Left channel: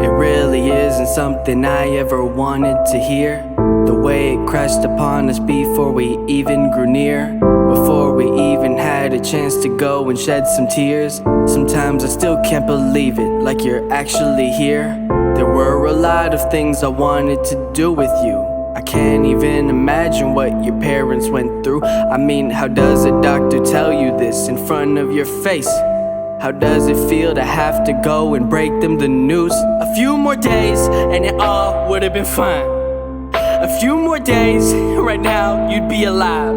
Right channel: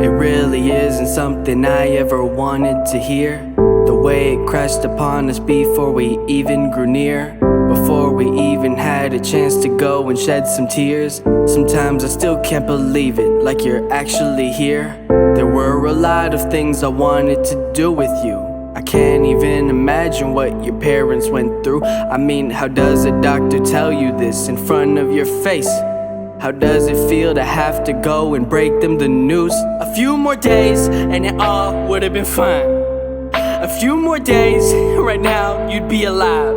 It really isn't something I ever wanted to hear. The way it crashed upon us before we even grew near, before we even had a chance to go and shed some tears. Sometimes I still can't believe it, like you're actually here. There were a lot of things I wanted to do with you. I can't even imagine what your parents went through. I mean, how does a doctor tell you this in front of your face? How does it feel to have to go and break them the news? A few more days and it all would have been fine. A few more days, right now you'd be alive.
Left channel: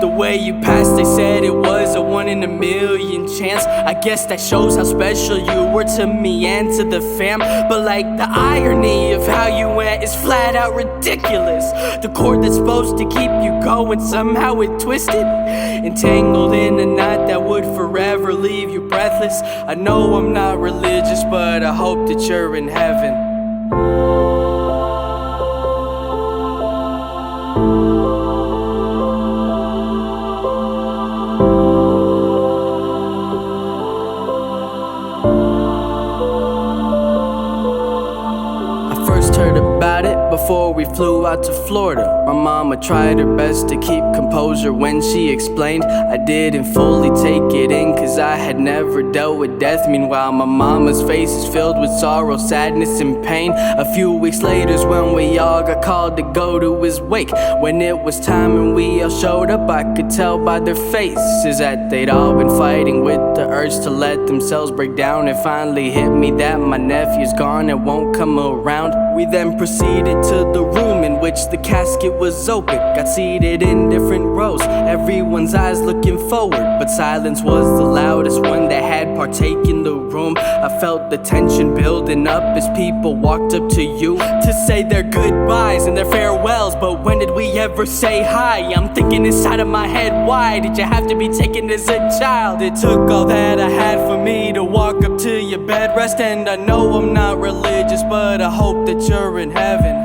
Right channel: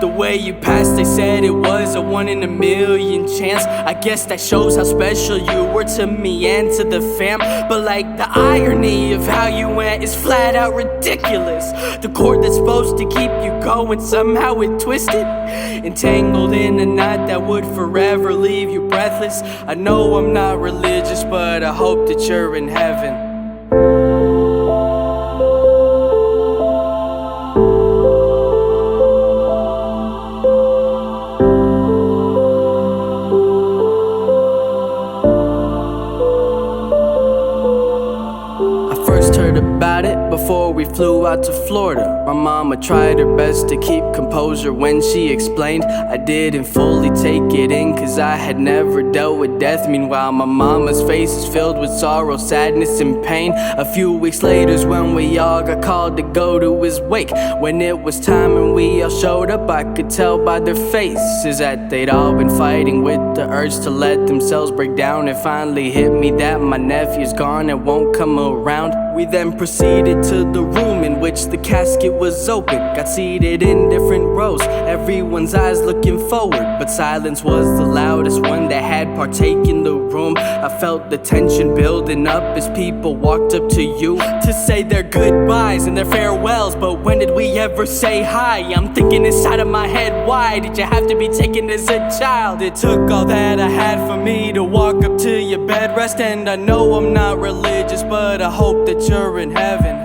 The way you passed, they said it was a 1 in a million chance. I guess that shows how special you were to me and to the fam. But like, the irony of how you went is flat out ridiculous. The cord that's supposed to keep you going, somehow it twisted, entangled in a knot that would forever leave you breathless. I know I'm not religious, but I hope that you're in heaven. Heard about it before we flew out to Florida. My mama tried her best to keep composure when she explained. I didn't fully take it in, cause I had never dealt with death. Meanwhile, my mama's face is filled with sorrow, sadness, and pain. A few weeks later's when we all got called to go to his wake. When it was time and we all showed up, I could tell by their faces that they'd all been fighting with the urge to let themselves break down. It finally hit me that my nephew's gone and won't come around. We then proceeded to the room in which the casket was open. Got seated in different rows, everyone's eyes looking forward, but silence was the loudest one that had partaken the room. I felt the tension building up as people walked up to you to say their goodbyes and their farewells, but when did we ever say hi? I'm thinking inside of my head, why did you have to be taken as a child? It took all that I had for me to walk up to your bed rest. And I know I'm not religious, but I hope that you're in heaven.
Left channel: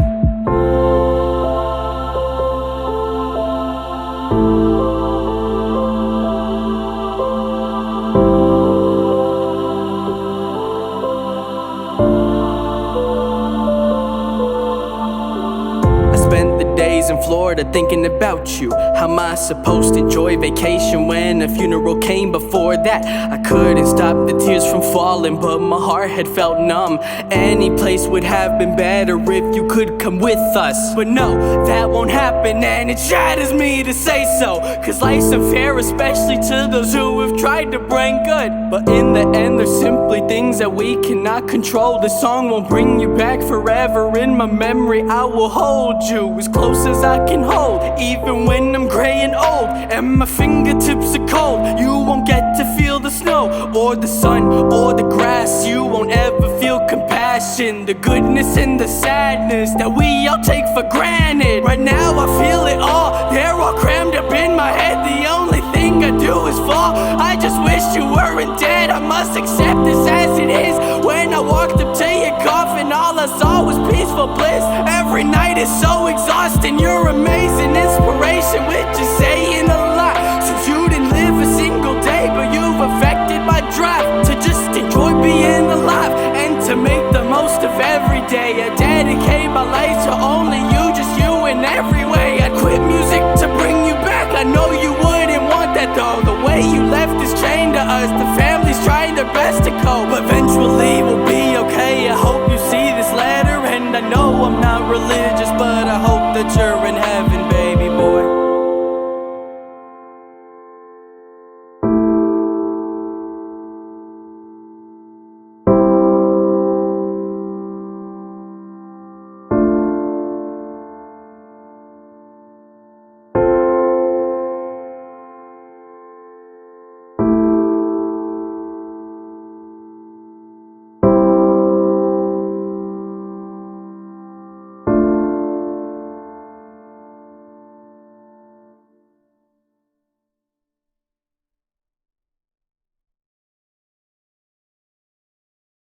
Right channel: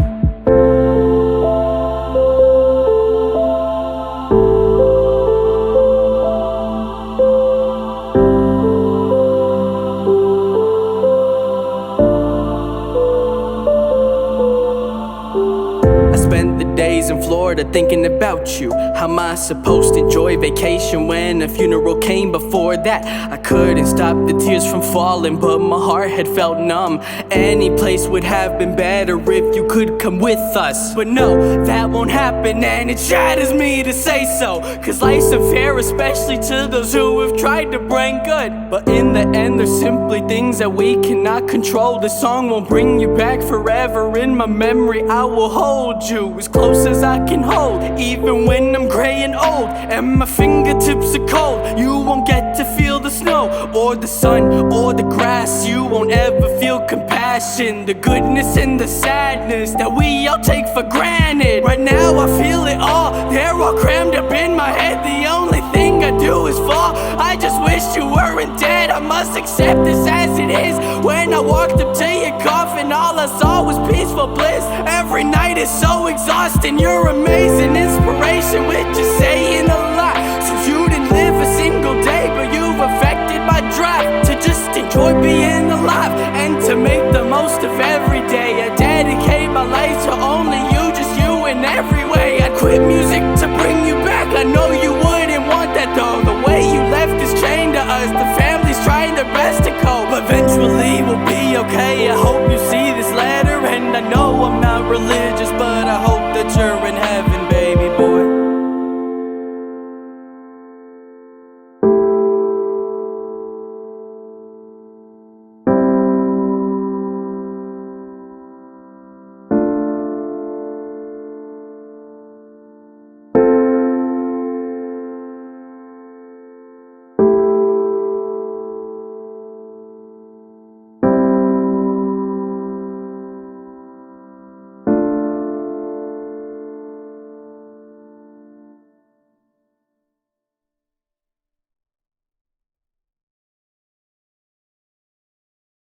Spent the days in Florida thinking about you. How am I supposed to enjoy vacation when a funeral came before that? I couldn't stop the tears from falling, but my heart had felt numb. Any place would have been better if you could come with us. But no, that won't happen, and it shatters me to say so, cause life's unfair, especially to those who have tried to bring good. But in the end, there's simply things that we cannot control. This song won't bring you back forever. In my memory, I will hold you as close as I can hold, even when I'm gray and old and my fingertips are cold. You won't get to feel the snow or the sun or the grass. You won't ever feel compassion, the goodness and the sadness that we all take for granted. Right now I feel it all, they're all crammed up in my head. The only thing I do is fall. I just wish you weren't dead. I must accept this as it is. When I walked up to your coffin, all I saw was peaceful bliss. Every night is so exhausting. You're amazing inspiration, which is saying a lot, since you didn't live a single day, but you've affected my drive to just enjoy being alive and to make the most of every day. I dedicate my life to only you, just you in every way. I'd quit music to bring you back. I know you wouldn't want that though. The way you left is chained to us. The family's trying their best to cope. Eventually we'll be okay. I hope you see this letter, and I know I'm not religious, but I hope that you're in heaven.